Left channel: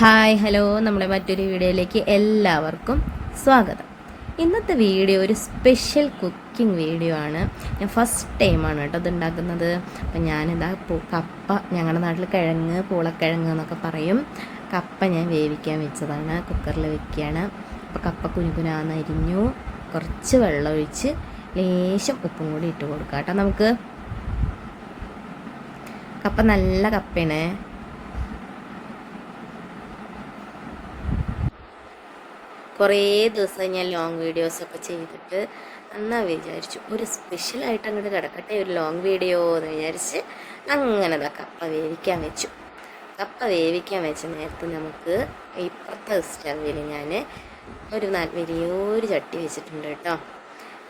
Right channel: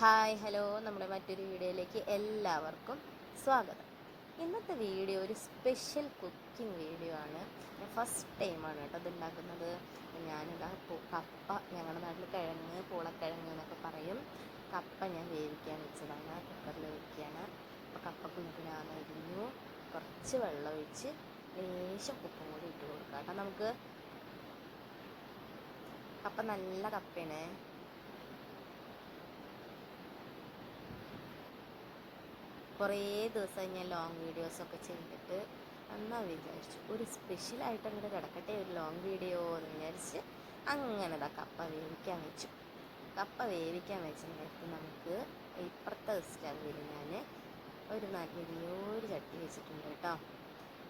Hi hello. നമ്മുടെ മറ്റൊരു വീഡിയോയിലേക്ക് എല്ലാവർക്കും സ്വാഗതം. ഇന്നത്തെ വീഡിയോ ഒരു സ്പെഷ്യൽ കുക്കിംഗ് വീഡിയോ ആണ്. ഞാൻ ഫസ്റ്റ് ടൈമാണ് കേട്ടോ ഇത് ഉണ്ടാക്കുന്നത് അപ്പം ഞാനിതാ കപ്പ ഞങ്ങളുടെ നാട്ടിൽ കിഴങ്ങ് പൂളക്കിഴങ്ങ് എന്നൊക്കെ പറയും. കപ്പ ഞാൻ വേവിക്കാൻ വെച്ചതാണ് കുക്കറിൽ വെക്കുകയാണ്. അപ്പോൾ കപ്പ കുനുകുനാന്ന് അരിഞ്ഞു കുറച്ച് വെള്ളം ഒഴിച്ച് ലേശം ഉപ്പും കൂടി ഇട്ട് കൊടുക്കാം കേട്ടോ. നമുക്ക് കപ്പ നല്ല കപ്പയാണേ. കുറേ ദിവസം ഞാൻ ലോങ് വീഡിയോസൊക്കെ ചെയ്തിട്ട് എന്നാ വിചാരിച്ചു ഒരു സ്പെഷ്യൽ ആയിട്ട് അങ്ങോട്ട് കിടക്കട്ടെ ഒരു ലോങ് വീഡിയോ എന്ന് വിചാരിച്ച് അങ്ങനെ അതാ കപ്പ വേവിക്കാൻ വെച്ചു. കപ്പ വേവിക്കാൻ വെച്ച നേരത്ത് നമുക്ക് ഇപ്പുറത്തെ സ്റ്റവിൽ ഞാൻ ഒരു വലിയൊരു ചട്ടി വെച്ചിട്ടുണ്ട് കേട്ടോ.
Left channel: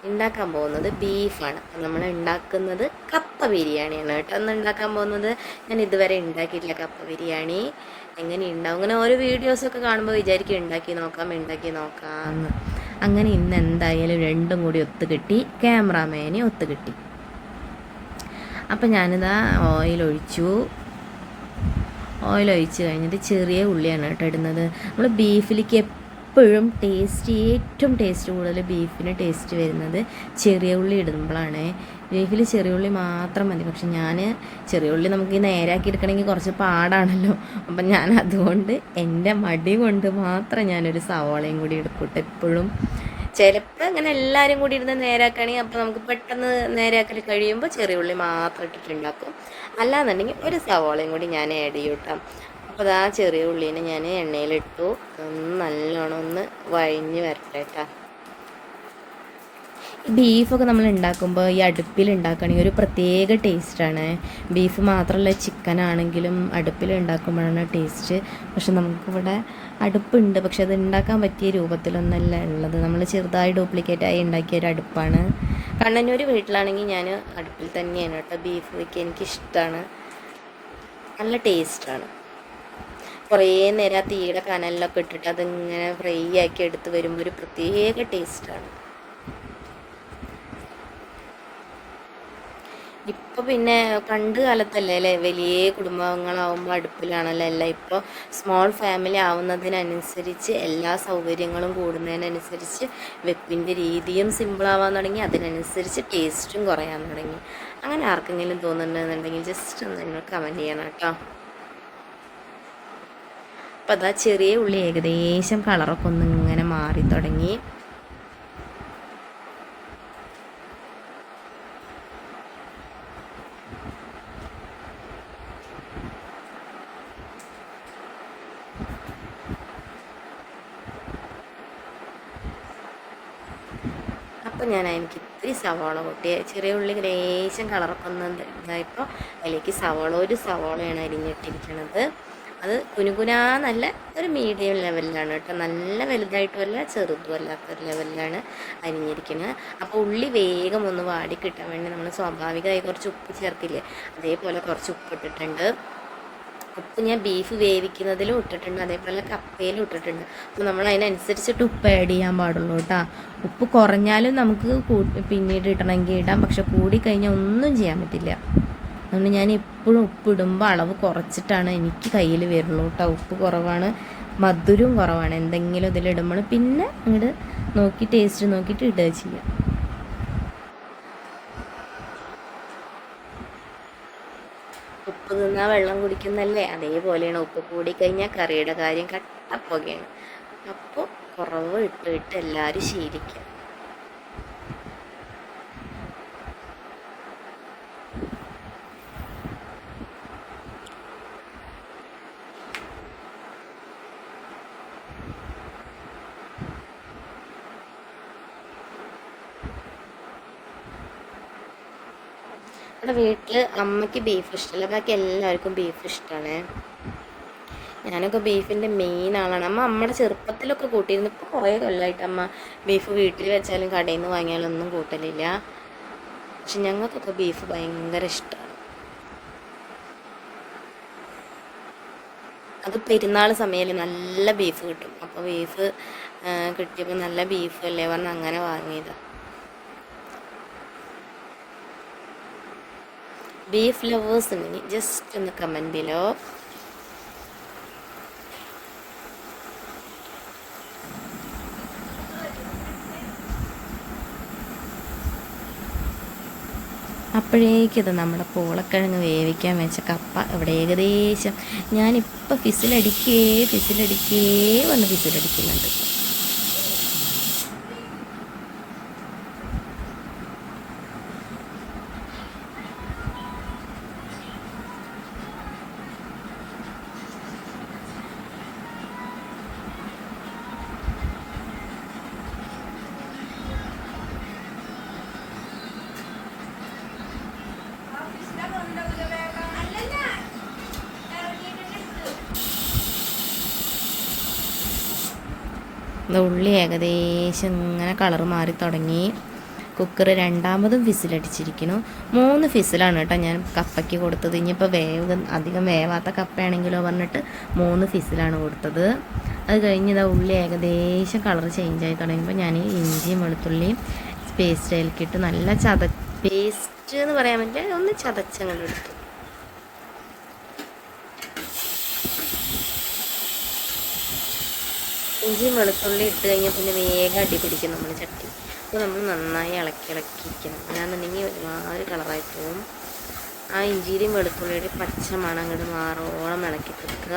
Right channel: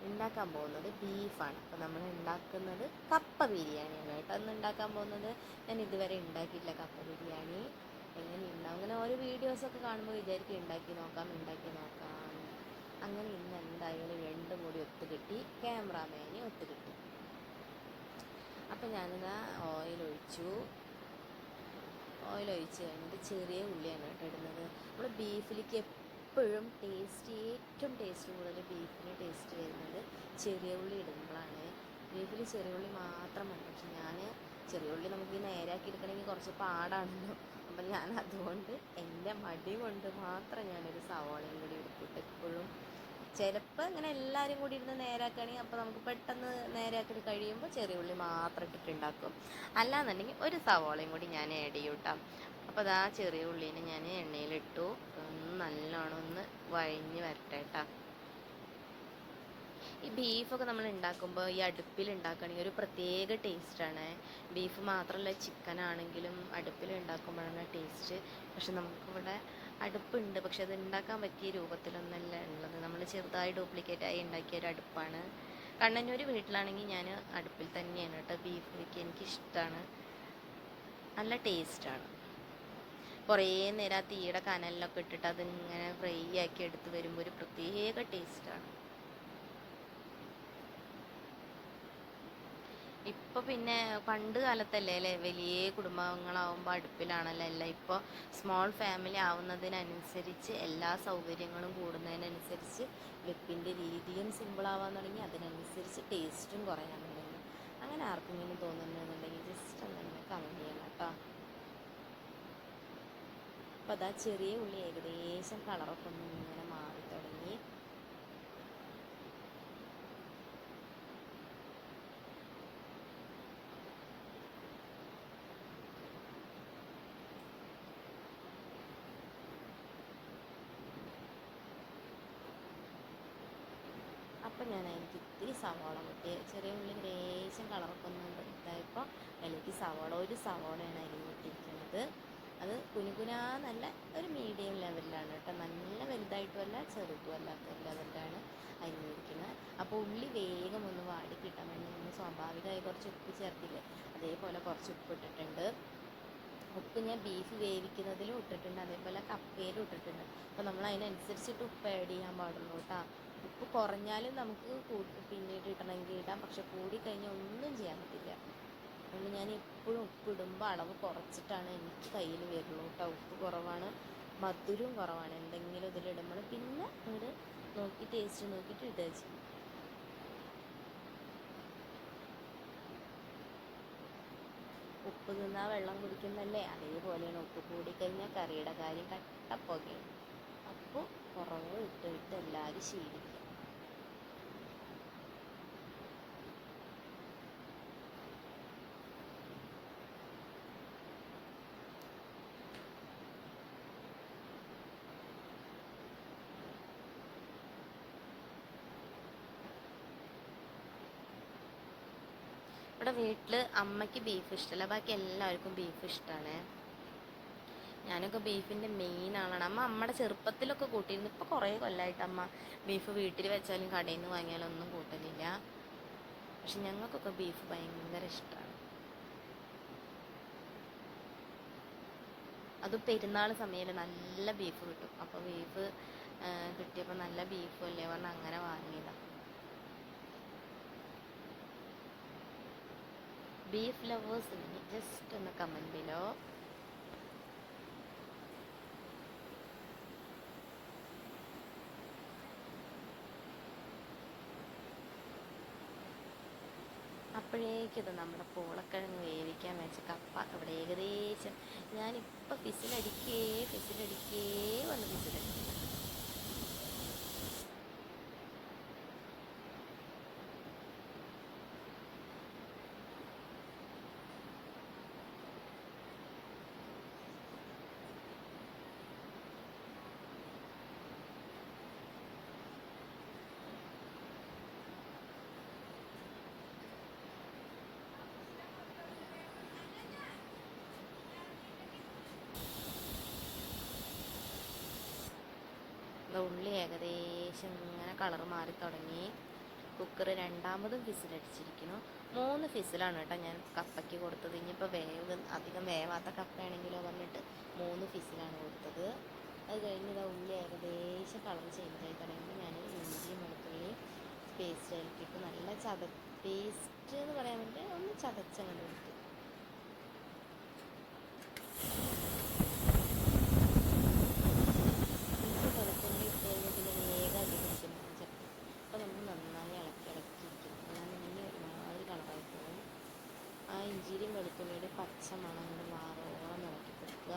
ഉണ്ടാക്കാൻ പോകുന്നത് ബീഫാണ് അപ്പം നമ്മൾ ഉണ്ടാക്കുന്നത് കപ്പ ബിരിയാണിയാണ് കേട്ടോ. അന്ന് ഉണ്ടാക്കാൻ പോകുന്നത് ഞാൻ ഇതുവരെ ഉണ്ടാക്കിയിട്ടില്ല കപ്പ ബിരിയാണി. എങ്ങനെ ഉണ്ടാവും അങ്ങനെ ഓരോ വീഡിയോസൊക്കെ കാണുമ്പോൾ വിചാരിക്കും ഉണ്ടാക്കി നോക്കാം ഉണ്ടാക്കി നോക്കാമെന്ന് അങ്ങനെ ഇന്ന് എന്തായാലും രണ്ടും കൂടി ഒത്തു കിട്ടി ക്യാമറാമാനെ ഒത്തു കിട്ടി അപ്പം ഞാനിതാ ഓയിൽ ഒഴിച്ചു. ഓയിൽ ഒഴിച്ച് കഴിഞ്ഞിട്ട് ചെറിയ ഉള്ളിയാണ് കേട്ടോ ഇടുന്നത്. നമ്മൾ ബീഫിലേക്ക് എപ്പോഴും ടേസ്റ്റ് ഏറ്റവും ടേസ്റ്റ് കൂടുതൽ ബീഫിന് ടേസ്റ്റ് വരുന്നത് ചെറിയ ഉള്ളി ഇടുമ്പോഴാണ് ബീഫിൽ ചെറിയ ഉള്ളി മാത്രം മതി. പക്ഷെ ഞാൻ ചെറിയ ഉള്ളി നമുക്ക് നേരാക്കി എടുക്കണമെങ്കിൽ കുറച്ച് പാടാണല്ലോ. അപ്പം ഞാൻ അതുകൊണ്ട് എന്റെ മടി കൊണ്ട് മാത്രം ഞാനൊരു സവാളയും കൂടി എടുക്കൂട്ടെ എപ്പോഴും. ചിലപ്പോൾ അങ്ങനെ എല്ലാവരും കൂടി ഇരുന്ന് നേരാക്കുകയാണെങ്കിൽ അപ്പോൾ നമുക്ക് പെട്ടെന്ന് നേരാക്കൽ കഴിയുമ്പോൾ ചെറിയ ഉള്ളി മാത്രം ഇട്ടിട്ടുണ്ടാക്കും. അല്ലാന്നുണ്ടെങ്കിൽ ഒരു സവാളയും കൂടി ഞാൻ ആഡ് ചെയ്യും കേട്ടോ അപ്പോൾ അതാ ചെറിയ ഉള്ളീനെ ഞാൻ എണ്ണയിലിട്ടു. ഒന്ന് നല്ലോണം ഒന്ന് വഴിഞ്ഞ് വരട്ടെ കേട്ടോ ബീഫൊക്കെ നമ്മൾ ഉണ്ടാക്കുമ്പോൾ ഈ അടുപ്പിൽ ഉണ്ടാക്കുകയാണെങ്കിൽ ഒരു പ്രത്യേക ടേസ്റ്റാണ് ബീഫ് മാത്രമല്ല ചിക്കൻ ആണെങ്കിലും അടുപ്പിൽ ഉണ്ടാക്കുമ്പോഴാണ് ടേസ്റ്റ് പക്ഷെ നമുക്കിവിടെ അടുപ്പുണ്ട്. പക്ഷെ അത് ഉണ്ടാക്കാൻ പറ്റിയ രൂപത്തിലൊന്നല്ല ഉള്ളത്. നമ്മൾ ചെറുതായി ഡ്യൂപ്ലിക്കേറ്റ് ആയി ഉണ്ടാക്കിയ ഒരു അടുപ്പാണ്. കണ്ണന്നൂർ വീട്ടിലാണെങ്കിൽ ഞാൻ അടുപ്പിൽ തന്നെയാണ് കേട്ടോ ബീഫ് വയ്ക്കുക എനിക്കിഷ്ടമാണ് നല്ല ടേസ്റ്റാണ് കുറേ നേരം ആ തീയുടെ കനലിലൊക്കെ ഇട്ടിട്ട് അതിങ്ങനെ ഫ്രൈ ആക്കി എടുത്ത് വരുമ്പോൾ ഒരു പ്രത്യേക ടേസ്റ്റാണ്. ഇപ്പോൾ പിന്നെ പണ്ട് കാലത്തല്ലേ അല്ലേ? വലിയ കുടുംബങ്ങളാവുമ്പോൾ അടുപ്പിലാണല്ലോ എല്ലാം. ഇപ്പോൾ സ്മോൾ ഫാമിലി ആവുന്നതിനനുസരിച്ച് എല്ലാ സൗകര്യങ്ങളും കൂടുന്നതിനനുസരിച്ച് വെപ്പിന്റെ രീതിയും സിമ്പിളാവാൻ തുടങ്ങി. അതിനനുസരിച്ച് ടേസ്റ്റും കുറയാൻ തുടങ്ങി. അങ്ങനെ ആർക്കെങ്കിലും തോന്നുന്നുണ്ടെന്നുണ്ടെങ്കിൽ ജസ്റ്റ് ഒന്ന് നിങ്ങൾ കമന്റ് ചെയ്യണം കേട്ടോ. അപ്പോൾ അതാ ചെറിയ ഉള്ളി ഏകദേശം കളറൊക്കെ ഒന്ന് ഇങ്ങനെ മാറി തുടങ്ങി. അപ്പോൾ ഞാൻ എനിക്ക് ഇത്തിരി സവാള കൊട്ടി ചെറിയ ഉള്ളി ലേശം കളറൊക്കെ ഒന്ന് ഇതായപ്പോൾ അതിലേക്ക് സവാള ഒരു സവാളയാണ് അരിഞ്ഞിട്ടിരിക്കുന്നത് അത് കുനുകുനാന്നല്ല ഒരു മീഡിയം ലെവലിലാണ് കേട്ടോ. നല്ല വലുതായിട്ടുമല്ല ചെറുതും അല്ലാത്ത ഒരു ലെവലിലാണ് അരിഞ്ഞിരിക്കുന്നത് അപ്പോൾ ഉള്ളി വേഗം ഒന്ന് വാടി കിട്ടാൻ വേണ്ടി നമ്മൾ സ്വാഭാവികമായി കുറച്ച് ഉപ്പ് ചേർക്കില്ലേ? അതേപോലെ കുറച്ച് ഉപ്പ് ഇട്ടിട്ടുണ്ട് ഉപ്പ് ഞാൻ ബീഫ് വേവിക്കുന്നതിലും ഇട്ടിട്ടുണ്ട് അതേപോലെ കപ്പയിലും ഇട്ടിട്ടുണ്ട്. അപ്പോൾ നമ്മൾ അതിനനുസരിച്ചിട്ട് ഉപ്പ് ആഡ് ചെയ്യാൻ പാടുള്ളൂ കേട്ടോ. ഉപ്പ് കുറഞ്ഞാലും നമുക്ക് പിന്നീട് ഇടണമെങ്കിൽ ഇടാം. പക്ഷെ കൂടിക്കഴിഞ്ഞാൽ ഒന്നും ചെയ്യാൻ പറ്റില്ല. അതുകൊണ്ട് ഞാൻ എപ്പോഴും ഉപ്പ് ഇടുമ്പോൾ അളവ് കുറച്ചിട്ടാണ് എനിക്ക് കയ്യിൽ വരുള്ളൂ കേട്ടോ ഉപ്പ് കുറവാണ് മധുരവും കുറവാണ്. എന്തെങ്കിലും ഇതിലിടുമ്പോൾ പിന്നെ അങ്ങോട്ട് നോക്കി ടേസ്റ്റ് നോക്കിയിട്ട് ഇടുക ചെയ്യാം. ഉപ്പ് തിന്നാൽ വെള്ളം കുടിക്കുന്നല്ലേ? അതേപോലെയാണ് ഉപ്പ് കൂടിക്കഴിഞ്ഞാൽ കറിയുടെ കാര്യം കട്ടപ്പുകയാണ് അപ്പോൾ കുറവ് ഇട്ട് ഇട്ട് എല്ലാവരും ശീലിക്കുക നമ്മുടെ വീട്ടിൽ അമ്മയ്ക്ക് ബീഫ് ഇഷ്ടമല്ല ബാക്കി എല്ലാവർക്കും ബീഫ് ഇഷ്ടമാണ് ഞാനൊക്കെ ബീഫിന്റെ മെയിൻ ആളാണ്. അമ്മ അമ്മയുടെ ചെറുപ്പത്തിലൊക്കെ കൂട്ടിയിരുന്നു. ഇപ്പോൾ കുറേ കൊല്ലമായിട്ട് അമ്മ ബീഫ് വീട്ടിൽ വെച്ചാലും കടയിൽ നിന്ന് വാങ്ങിയാലും ഒന്നും കൂട്ടലില്ല. പക്ഷെ ഞങ്ങൾക്കൊക്കെ ബീഫ് ഭയങ്കര ഇഷ്ടമാണ് അത് പെരുന്നാൾ സമയത്ത് നല്ല ബീഫ് കിട്ടും. അപ്പോൾ ബീഫ് കിട്ടിയപ്പോൾ നല്ല ബീഫ് അല്ലേ പറഞ്ഞ് അങ്ങനെ വാങ്ങിയതാണ് ബീഫ് ലവേഴ്സ് ഇങ്ങനെ ജസ്റ്റ് ഒന്ന് കമന്റ് ബിലോ അപ്പോഴേക്കിത് നമ്മുടെ പോളക്കിഴങ്ങ് വേവിക്കാൻ വെച്ച കപ്പ ഇവിടെ ഏകദേശം ഞാനിപ്പോൾ ഫിസിലടിക്കേ ഫിസിലടിക്കേ വന്ന് ഫിസിലടിക്കുന്നുണ്ട് ഉള്ളി ഏകദേശം ഇങ്ങനെ കളർ മാറി തുടങ്ങി. കുക്കർ രണ്ടാമതും ഫിസിലടിച്ചിരിക്കുന്നു മൂന്ന് ഫിസിലാണ് കേട്ടോ ഞാൻ കപ്പയ്ക്ക് കൊടുത്തത്. ഇനിയിപ്പോൾ വേവ് അധികം വേവാത്ത കപ്പയാണെങ്കിലോ പറഞ്ഞിട്ട് മൂന്ന് ഫിസിലാണ് കൊടുത്തത്. അത് കഴിഞ്ഞ് ഇതാ ഉള്ളി ഏകദേശം കളർ ചേഞ്ച് ആയി തുടങ്ങിയപ്പോൾ ഞാൻ ഇഞ്ചിയും വെളുത്തുള്ളിയും പേസ്റ്റ് അതിലേക്കിട്ട് നല്ല ചത പേസ്റ്റ് എന്ന് പറയാൻ പറ്റില്ല ഒന്ന് ചതച്ചങ്ങോട്ട് എടുത്തു. ഇഞ്ചിയും വെളുത്തുള്ളി ഇട്ട് കഴിഞ്ഞാൽ പിന്നെ വേഗം അടി പിടിക്കും നമ്മൾ ചട്ടി. അപ്പോൾ നമ്മൾ നന്നായി ഇളക്കി ഇളക്കിയിരിക്കണം അല്ലാന്നുണ്ടെങ്കിൽ ഒരുമാതിരി കളറായി പോവും. ആ ഇഞ്ചിയിലും വെളുത്തുള്ളിയുടെയും പച്ച മണം അങ്ങോട്ട് മാറോളം ഇളക്കി തീർക്കുക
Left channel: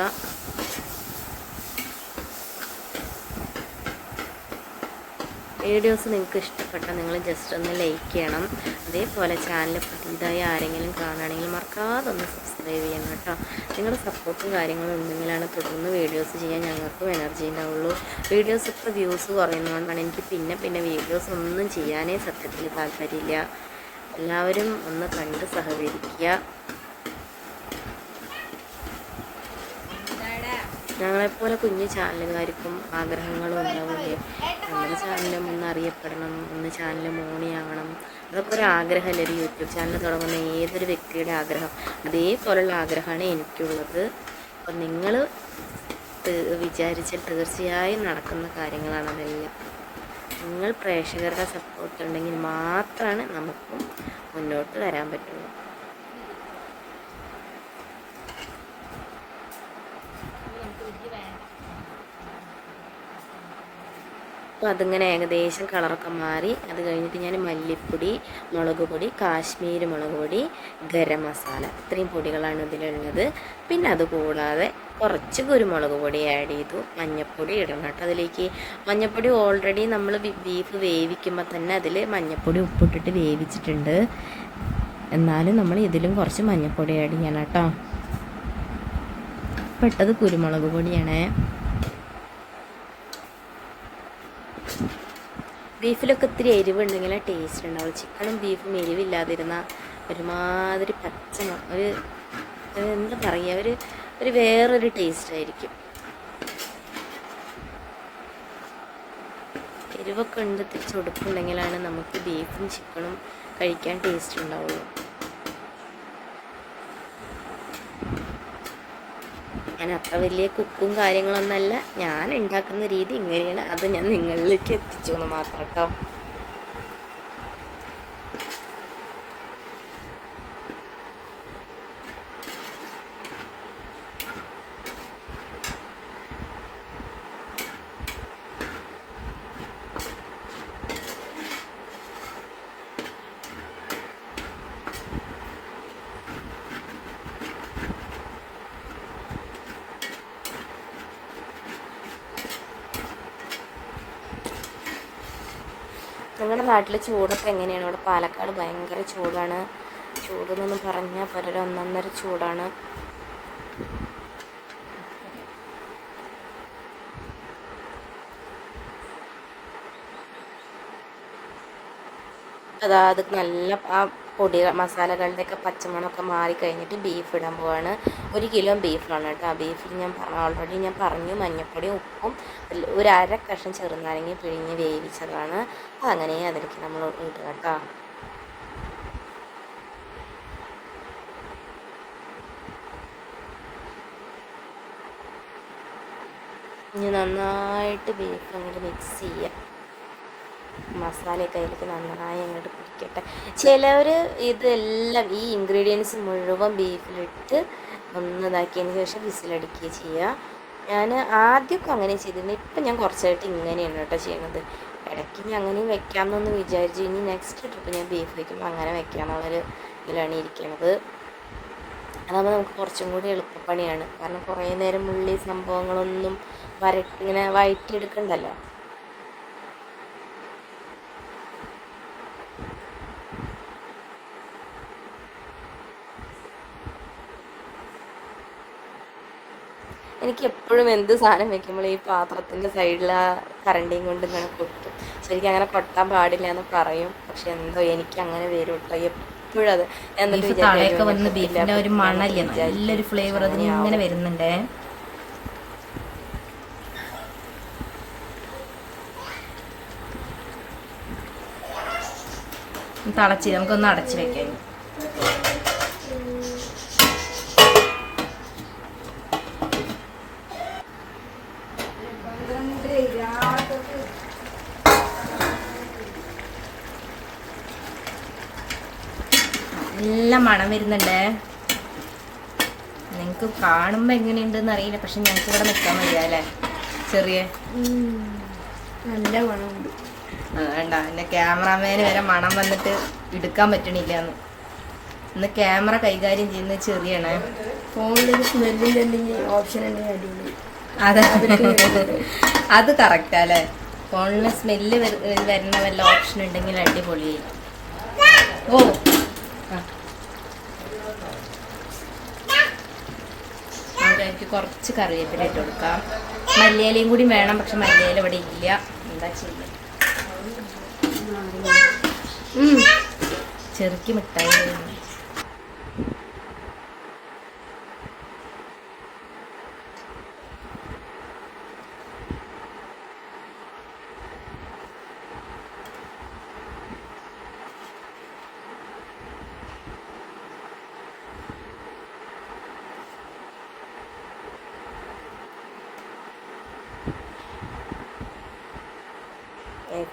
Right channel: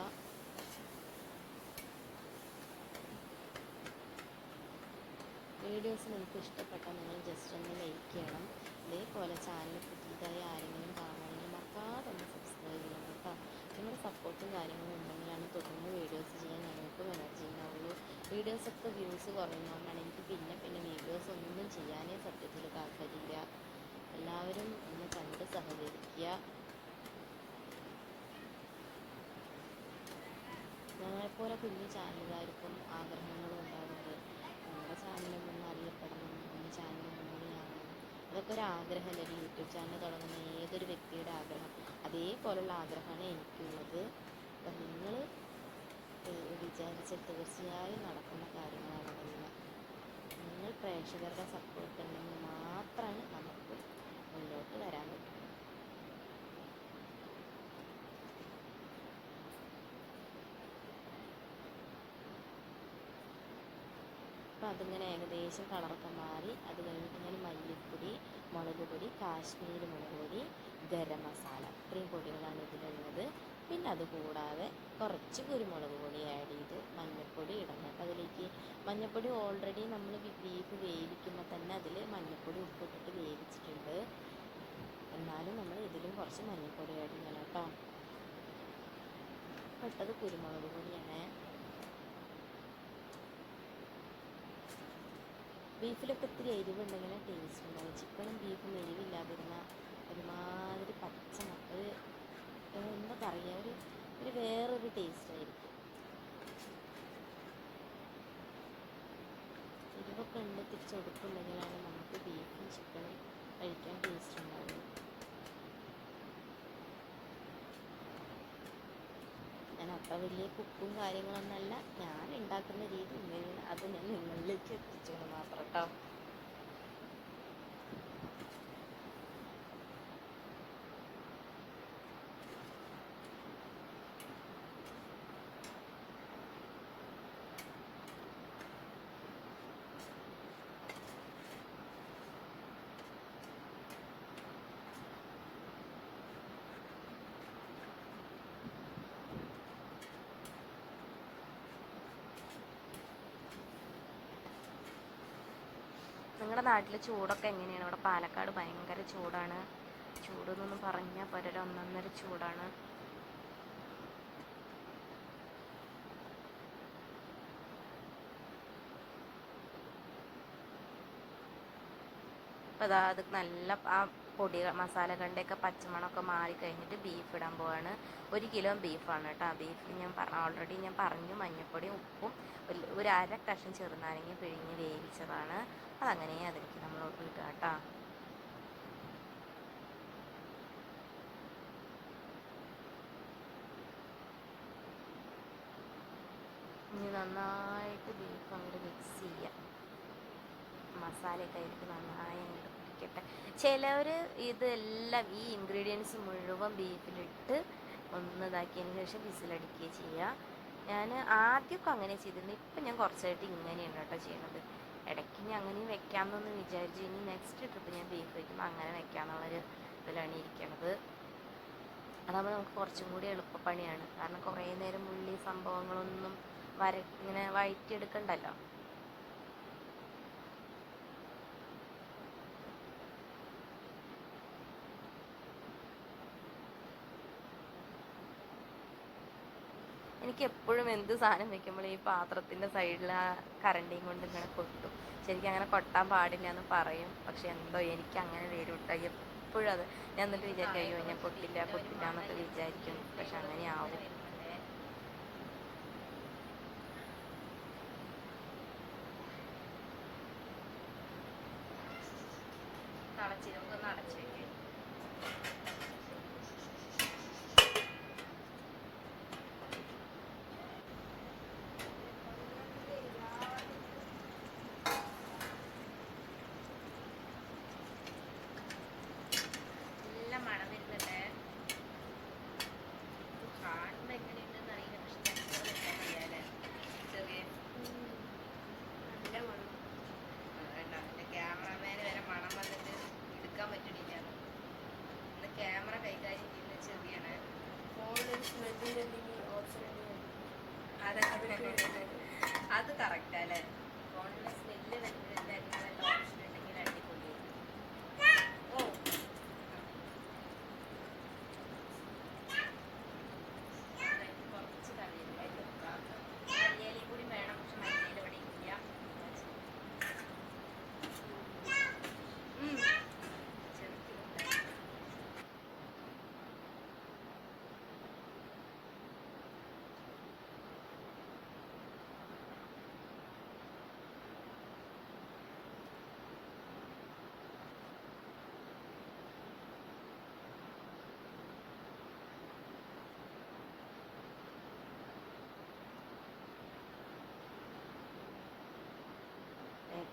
വീഡിയോസ് നിങ്ങൾക്ക് ഇഷ്ടപ്പെട്ടാൽ നിങ്ങൾ ജസ്റ്റ് ഒന്ന് ലൈക്ക് ചെയ്യണം. അതേപോലെ ചാനൽ പുതിയതായി ആരെങ്കിലും കാണുകയാണെങ്കിൽ മറക്കാതെ ഒന്ന് സബ്സ്ക്രൈബ് ചെയ്യണം കേട്ടോ. നിങ്ങളുടെ സപ്പോർട്ടും കാര്യങ്ങളും ഉണ്ടെങ്കിലാണ് തുടർന്ന് വീഡിയോസ് ചെയ്യാൻ ഞങ്ങൾക്കും എനർജി ഉണ്ടാവുള്ളൂ. വീഡിയോസ് ഇപ്പോൾ വ്യൂസ് കുറയുന്നതുകൊണ്ടാണ് എനിക്ക് പിന്നെ പിന്നെ വീഡിയോസ് ഒന്നും ചെയ്യാനേ സത്യത്തിൽ താല്പര്യമില്ല. എല്ലാവരും ഒന്ന് കണ്ട് സഹകരിക്കുക. ഞങ്ങളെപ്പോലെ കുഞ്ഞു ചാനലുകാർക്കും ആഗ്രഹങ്ങളും ഉണ്ടാവില്ലേ നമ്മുടെ ചാനലും ഒന്ന് അറിയപ്പെടണം ഒന്ന് ചാനൽ മോണിയാവണം. അതൊക്കെ ഒരു ആഗ്രഹമല്ലേ ഒരു യൂട്യൂബ് ചാനൽ തുടങ്ങുന്ന ഏതൊരു വ്യക്തിയുടെ ആഗ്രഹം? അതേപോലുള്ള ആഗ്രഹമാണ് എനിക്കുള്ളത്. അപ്പം നിങ്ങൾ വിചാരിച്ചാൽ തീർച്ചയായും നടക്കുന്ന കാര്യങ്ങളാണ് അതെല്ലാം. നിങ്ങൾ പ്രേക്ഷകരുടെ സപ്പോർട്ട് ഉണ്ടെങ്കിൽ മാത്രമാണ് നമുക്കും മുന്നോട്ട് വരാൻ പറ്റുള്ളൂ. അപ്പോൾ അതിങ്ങനെ ഏകദേശം കളറൊക്കെ മാറി. അത് കഴിഞ്ഞിട്ട് ഞാൻ മല്ലിപ്പൊടി മുളക് പൊടി കാശ്മീരി മുളക് പൊടി ഗരം മസാല ഇത്രയും പൊടികളാണ് ഇതിലുള്ളത്. പിന്നെ അതുകൂടാതെ കുറച്ച് കുരുമുളക് പൊടി ആഡ് ചെയ്തു. മഞ്ഞൾപ്പൊടി ഇടണം കേട്ടോ അതിലേക്ക്. മഞ്ഞൾപ്പൊടി ഓൾറെഡി നമ്മൾ ബീഫ് വേവിക്കുമ്പോൾ തന്നെ അതിൽ മഞ്ഞൾപ്പൊടി ഉപ്പിട്ടിട്ട് വേവിച്ചിട്ടുണ്ട്. എന്നാലും നമ്മൾ ഇതിലും കുറച്ച് മഞ്ഞൾപ്പൊടി ആഡ് ചെയ്യണം കേട്ടോ. പെട്ടത് കുരുമുളക് പൊടിയാണേ. ബീഫിലൊക്കെ ഇത്തിരി എരിവുണ്ടെങ്കിൽ ടേസ്റ്റ് ഉണ്ടാവുള്ളൂ. ചിക്കനും ബീഫും എരിവില്ലാതിരുന്ന ഒരുമാതിരി പച്ച ഒരു എന്താ പറയുക ഒരു ഒരു വേറൊരു ടേസ്റ്റ് ആയിരിക്കും. എരിവൊക്കെ ഉണ്ട് തിരിച്ചുടുപ്പുണ്ടെങ്കിലാണ് നമുക്ക് ബീഫും ചിക്കനും കഴിക്കാൻ ടേസ്റ്റ് ഉണ്ടാവുള്ളൂ. ഞാൻ അത്ര വലിയ കുക്കും കാര്യങ്ങളൊന്നല്ല ഞാൻ ഉണ്ടാക്കുന്ന രീതി ഇങ്ങനെയാണ്. അത് ഞാൻ നിങ്ങളിലേക്ക് എത്തിച്ചു എന്ന് മാത്രം കേട്ടോ. നിങ്ങളുടെ നാട്ടിൽ ചൂടൊക്കെ എങ്ങനെയാണ്? ഇവിടെ പാലക്കാട് ഭയങ്കര ചൂടാണ്. ചൂടെന്നൊന്നും പറഞ്ഞാൽ പലരും ഒന്നൊന്നര ചൂടാണ്. അതാ അത് നല്ല ആ പൊടി മസാലകളുടെയൊക്കെ പച്ചമണമൊക്കെ മാറി കഴിഞ്ഞിട്ട് ബീഫ് ഇടാൻ പോവാണ്. ഒരു കിലോ ബീഫാണ് കേട്ടോ. ബീഫിൽ ഞാൻ ഓൾറെഡി ഞാൻ പറഞ്ഞു. മഞ്ഞപ്പൊടിയും ഉപ്പും ഒരു അര കഷ്ണം ചെറുനാരങ്ങ പിഴിഞ്ഞ് വേവിച്ചതാണ്. അതങ്ങനെ അതിലേക്ക് നമ്മൾ ഇടുക കേട്ടോ. ഇനി നന്നായിട്ട് ബീഫ് അങ്ങോട്ട് മിക്സ് ചെയ്യുക മസാലയൊക്കെ അതിലേക്ക് നന്നായി അങ്ങോട്ട് പിടിക്കട്ടെ ചിലവർ ഇതെല്ലാം ഈ ഇൻഗ്രീഡിയൻസ് മുഴുവൻ ബീഫിലിട്ട് ഒന്ന് ഇതാക്കിയതിന് ശേഷം വിസിലടിക്കുക ചെയ്യുക. ഞാൻ ആദ്യമൊക്കെ അങ്ങനെ ചെയ്തിരുന്നു. ഇപ്പം ഞാൻ കുറച്ചായിട്ട് ഇങ്ങനെയാണ് കേട്ടോ ചെയ്യുന്നത് ഇടയ്ക്ക് ഞാൻ അങ്ങനെയും വെക്കാമെന്നൊന്ന് വിചാരിച്ചു. ഇനി നെക്സ്റ്റ് ട്രിപ്പ് ഞാൻ ബീഫ് വയ്ക്കുമ്പോൾ അങ്ങനെ വെക്കാമെന്നുള്ളൊരു ഇതിലാണ് ഇരിക്കുന്നത് അതാകുമ്പോൾ നമുക്ക് കുറച്ചും കൂടി എളുപ്പപ്പണിയാണ്. കാരണം കുറേ നേരം ഉള്ളി സംഭവങ്ങളൊന്നും വരട്ട് ഇങ്ങനെ വഴറ്റിയെടുക്കണ്ടല്ലോ എനിക്ക് എപ്പോഴും എന്ത് സാധനം വെക്കുമ്പോൾ ഈ പാത്രത്തിന്റെ സൈഡിൽ ആ കരണ്ടിയും കൊണ്ട് ഇങ്ങനെ കൊട്ടും ശരിക്കും അങ്ങനെ കൊട്ടാൻ പാടില്ല എന്ന് പറയും. പക്ഷെ എന്തോ എനിക്ക് അങ്ങനെ വരും കേട്ടോ എപ്പോഴും അത് എന്നിട്ട് തളയൊക്കെ വന്ന് ഒരു മണല്ലേ? നല്ലൊരു ഫ്ലേവർ അതിന് അങ്ങനെയാവും. ഇങ്ങനെ വരുന്നുണ്ടേ? തളച്ച് നമുക്കൊന്ന് അടച്ച് വെക്കാം ഇനി. നല്ല മണം വരുന്നുണ്ട്? നിങ്ങൾക്ക് കാണുമ്പോൾ എങ്ങനെയുണ്ടെന്ന് അറിയില്ല. പക്ഷെ ഞങ്ങൾക്ക് ഇവിടെ നിൽക്കാൻ വയ്യ അല്ലേ ചെറിയ നല്ല മണമുണ്ട്. വേണ്ട. എന്റെ ക്യാമറാമാന് വരെ മണം വന്നിട്ട് എടുക്കാൻ പറ്റണില്ല എന്ന് ഇന്ന് ക്യാമറ കൈകാര്യം ചെയ്യുന്ന ചെറിയാണ്. ഫോണിലൊരു സ്മെല്ലിന്റെ എന്തെങ്കിലും ഓപ്ഷൻ ഉണ്ടെങ്കിൽ അടിപൊളി. അതെ. അത് കറക്റ്റാ അല്ലേ ഫോണിന് സ്മെല്ല് വരുന്ന വല്ല ഓപ്ഷൻ ഉണ്ടെങ്കിൽ അടിപൊളി. ഓ ആ. അതിലേക്ക് കുറച്ച് കറിവേപ്പില ഇട്ട് കൊടുക്കാം. മല്ലിയിലയും കൂടി വേണം പക്ഷെ മല്ലിയില ഇവിടെ ഇല്ല. എന്താ ചെയ്യുക ചെറുക്കി മിഠായി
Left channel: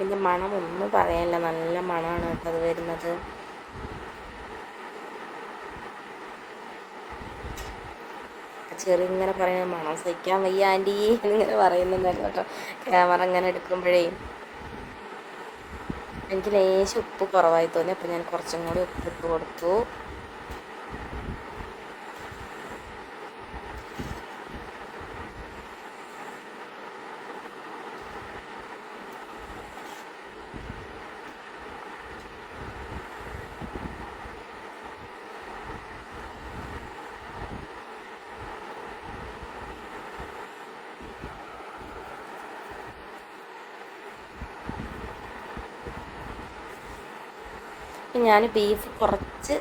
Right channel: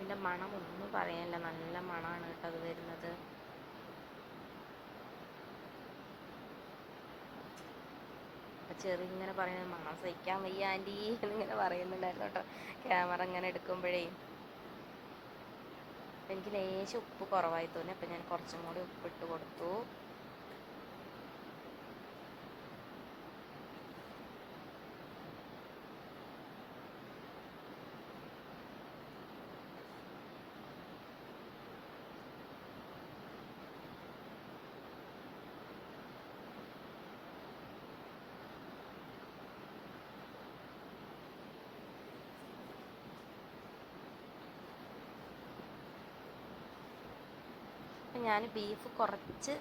കേക്കിന്റെ മണം ഒന്നും പറയാനില്ല. നല്ല മണമാണ് കേട്ടോ അത് വരുന്നത്. ചെറിങ്ങനെ പറയുന്ന മണം സഹിക്കാൻ വയ്യ ആന്റി എന്നിങ്ങനെ പറയുന്നുണ്ടായിരുന്നു കേട്ടോ. ക്യാമറ ഇങ്ങനെ എടുക്കുമ്പോഴേ എനിക്ക് ലേശം ഉപ്പ് കുറവായി തോന്നി. അപ്പോൾ ഞാൻ കുറച്ചും കൂടി ഉപ്പ് ഇട്ട് കൊടുത്തു. ഞാൻ ബീഫ് കുറച്ച്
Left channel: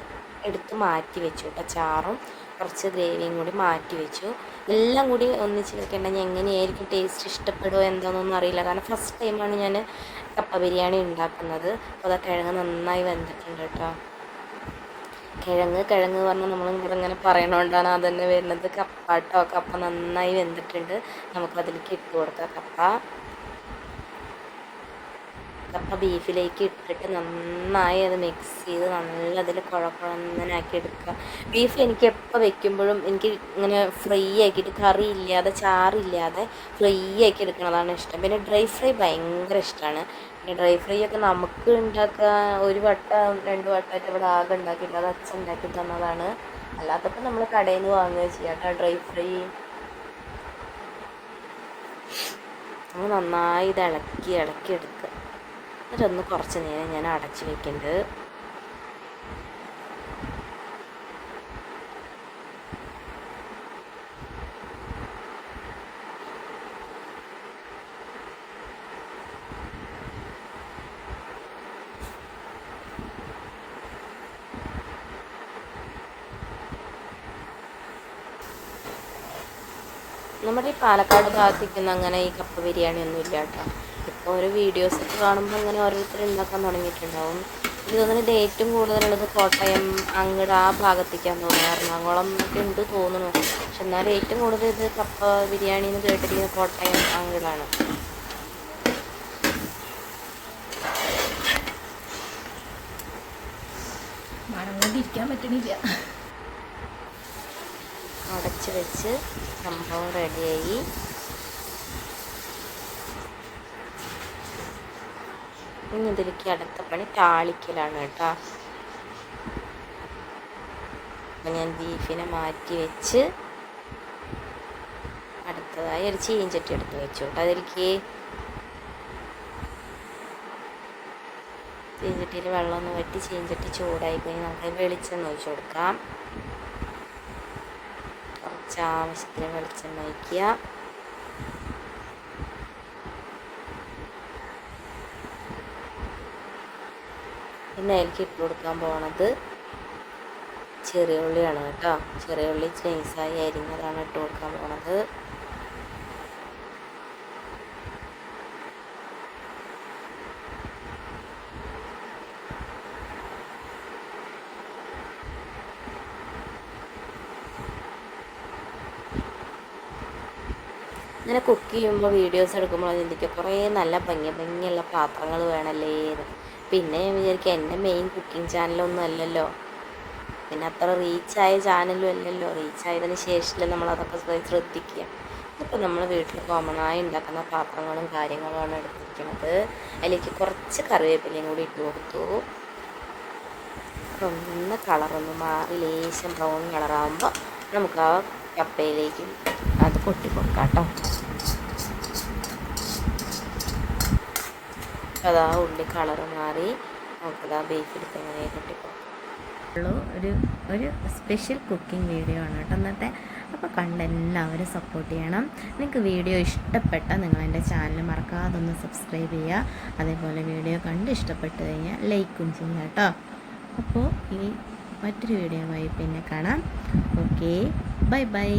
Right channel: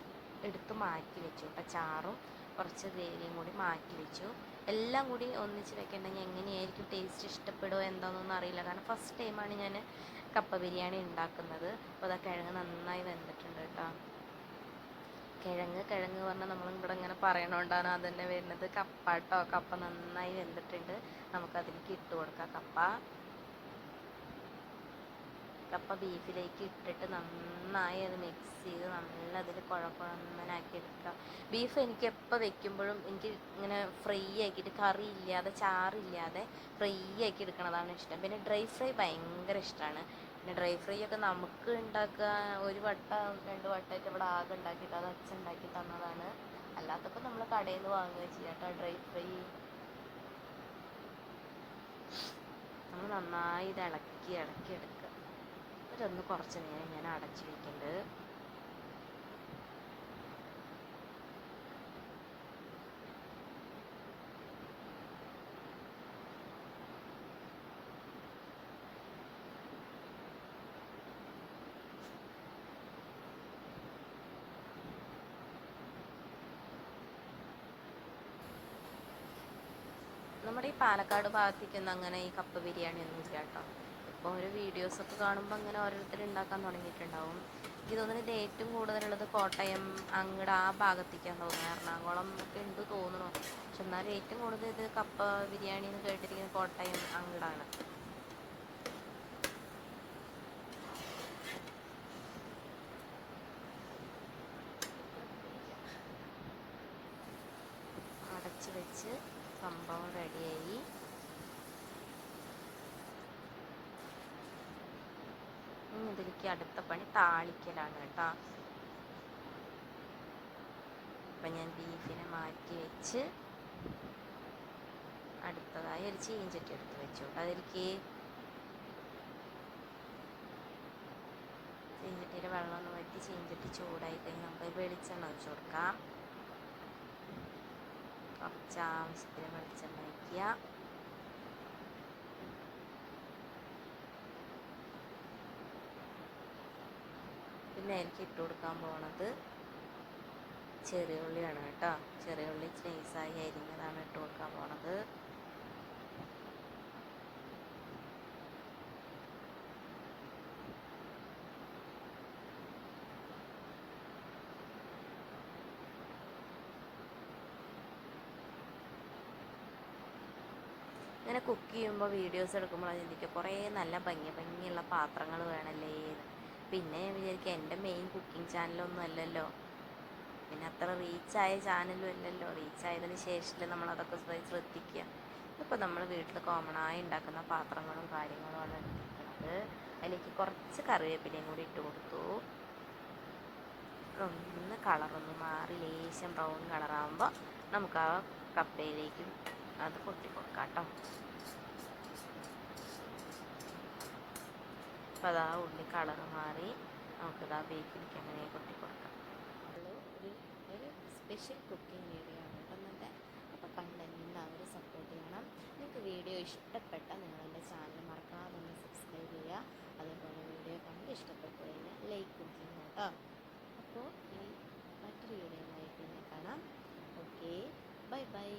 എടുത്ത് മാറ്റി വെച്ചു കേട്ടോ ചാറും കുറച്ച് ഗ്രേവിയും കൂടി മാറ്റി വെച്ചു. എല്ലാം കൂടി ഒന്നിച്ച് വെക്കേണ്ട. ഞാൻ എങ്ങനെയായിരിക്കും ടേസ്റ്റ് ഇഷ്ടപ്പെടുമോ എന്താണെന്നൊന്നും അറിയില്ല. കാരണം ഫസ്റ്റ് ടൈമാണ് ഞാൻ കപ്പ ബിരിയാണി ഉണ്ടാക്കുന്നത്. അപ്പോൾ അത് കിഴങ്ങ് നന്നായി വെന്തിട്ടുണ്ട് കേട്ടോ കിഴങ്ങ് കിഴങ്ങ് പറഞ്ഞാൽ നമ്മൾ ഇവിടെ ഇങ്ങനെ പറയണോണ്ടാണ് അതന്നെ വരുന്നത്. കപ്പ കേട്ടോ കപ്പ നന്നായി വെന്തിട്ടുണ്ട്. നമുക്കതിലേക്ക് ഇട്ട് കൊടുക്കാം. കപ്പ കപ്പ ബീഫിലേക്ക് ഇട്ടിട്ട് നന്നായി അത് മിക്സ് ചെയ്ത് നല്ല അതിൽ കുഴക്കുഴന്നാക്കി എടുക്കുക. ബീഫ് എനിക്ക് എപ്പോൾ വെക്കുമ്പോഴും എനിക്ക് ഇങ്ങനെ ഫ്രൈ ആക്കിയിട്ട് കറി ഇല്ലാതെ ചാറില്ലാതെ ഫ്രൈ ആക്കി എടുക്കുന്നതാണ് ഇഷ്ടം. പിന്നെ ഡ്രൈ ഫ്രൈ ഭയങ്കര ഇഷ്ടമാണ്. പിന്നെ ഡ്രൈ ഫ്രൈ ഒക്കെ നമുക്ക് ഉണ്ടാക്കുക ഒരു വട്ടം രണ്ട് വട്ടമായിട്ട് ഇവിടെ ആകെ ഉണ്ടാക്കിയിട്ട് അത് അച്ഛൻ ഉണ്ടാക്കി തന്നതാണ്. അല്ലാത്തപ്പോൾ നമ്മൾ കടയിൽ നിന്ന് വാങ്ങുക ചെയ്യാം ഡ്രൈ ഫ്രൈ. നമ്മൾ നന്നായി ഇത് ഇളക്കി ഇളക്കി എടുക്കുക. എന്നിട്ടൊന്ന് കുറച്ച് നേരം ഞാൻ അടച്ച് വെക്കുന്നുണ്ട് നമ്മുടെ ഈ പാലക്കാട് ഭാഗത്തേക്കൊന്നും അങ്ങനെ ഈ കപ്പ ബിരിയാണി ഒന്നും ഇല്ല കേട്ടോ ഓരോ വീഡിയോസ് ഒക്കെ കാണുമ്പോൾ അങ്ങനെ ഓരോരുത്തർ ഉണ്ടാക്കാൻ തുടങ്ങിയിട്ടുണ്ടാവും. എനിക്ക് തോന്നുന്നത് ഏറ്റവും കൂടുതലുള്ളത് കോട്ടയം അങ്ങട് ആ ഭാഗത്തേക്കാന്ന് തോന്നുന്നു എറണാകുളം ഒക്കെ ഉണ്ട് തോന്നുന്നു. പക്ഷെ എന്നാലും ഏറ്റവും കൂടുതൽ ഇത് കപ്പ ബിരിയാണി എന്ന് കേട്ടിരിക്കുന്നത് കോട്ടയം അങ്ങടാണ്. ഇരിക്കാൻ പറ്റണില്ല. അടച്ച് വെച്ച് സംഭവം റെഡിയായി ഇനി ഇതിലേക്ക് അടുത്ത പണി താളിക്കലാണ് കേട്ടോ. അപ്പം ഞാൻ ബീഫിനെ മാറ്റി വെച്ച് അടുത്തതായി ഒരു ചീഞ്ചട്ടി എടുത്ത് വെച്ചു കേട്ടോ. അതിലേക്ക് ചീഞ്ചട്ടിയിൽ വെള്ളം ഒന്ന് വറ്റി ചീഞ്ചട്ടി ചൂടായി കഴിഞ്ഞ് നമുക്ക് വെളിച്ചെണ്ണ ഒഴിച്ചു കൊടുക്കാം. കുറച്ച് ആവശ്യത്തിന് വെളിച്ചെണ്ണ ഒഴിക്കുക. പിന്നെ അതിലേക്ക് ഇട്ട് കൊടുക്കാൻ പോണത് ചെറിയ ഉള്ളിയാണ് കേട്ടോ. ചെറിയ ഉള്ളി നൈസായി അരിഞ്ഞതാണ് ഇട്ട് കൊടുക്കാൻ പോണത്. ഇങ്ങനെ കുക്ക് ചെയ്യുമ്പോൾ വീഡിയോസ് എടുക്കുമ്പോൾ ചിന്തിക്കുക കുറേ നല്ല ഭംഗി ഭംഗിയുള്ള പാത്രങ്ങൾ വേണമല്ലേ എന്ന്. പിന്നെ ഞാൻ വിചാരിക്കുക എന്റെ മെയിൻ കുക്കിംഗ് ചാനലൊന്നും അല്ലല്ലോ. പിന്നെ അത്ര റീച്ചായ ചാനലും അല്ലല്ലോ. റീച്ചായതിന് ശേഷമല്ലേ നമ്മളതൊക്കെ ശ്രദ്ധിക്കുക. ഇപ്പോൾ നമ്മൾ വീട്ടിൽ കോമണായി ഉണ്ടാക്കുന്ന പാത്രങ്ങളും കാര്യങ്ങളുമാണ് എടുത്തിരിക്കുന്നത്. അതിലേക്ക് കുറച്ച് കറിവേപ്പിലയും കൂടി ഇട്ട് കൊടുത്തു. ഒന്ന് കളറൊന്ന് മാറി ലേശം ബ്രൗൺ കളറാകുമ്പോൾ നമുക്ക് ആ കപ്പയിലേക്ക് അത് കൊട്ടി കൊടുക്കാം കേട്ടോ. അതാ ഉള്ളി കളർ മാറി. നമുക്കതാ ബേക്ക് എടുത്ത് എങ്ങനെ കൊട്ടി ഒരു ഒരു സ്പെഷ്യൽ കുക്കിംഗ് വീഡിയോ ആണ് കേട്ടോ അന്നത്തെ അപ്പോൾ കണ്ട് എല്ലാവരും സപ്പോർട്ട് ചെയ്യണം. നിങ്ങൾക്ക് വീഡിയോ ഇഷ്ടപ്പെട്ടാൽ നിങ്ങൾ എന്റെ ചാനൽ മറക്കാതെ ഒന്ന് സബ്സ്ക്രൈബ് ചെയ്യുക. അതേപോലെ വീഡിയോ കണ്ട് ഇഷ്ടപ്പെട്ട് കഴിഞ്ഞാൽ ലൈക്കും ചെയ്യുക കേട്ടോ. അപ്പോൾ ഈ മറ്റൊരു വീഡിയോയുമായി പിന്നെ കാണാം. Okay bye bye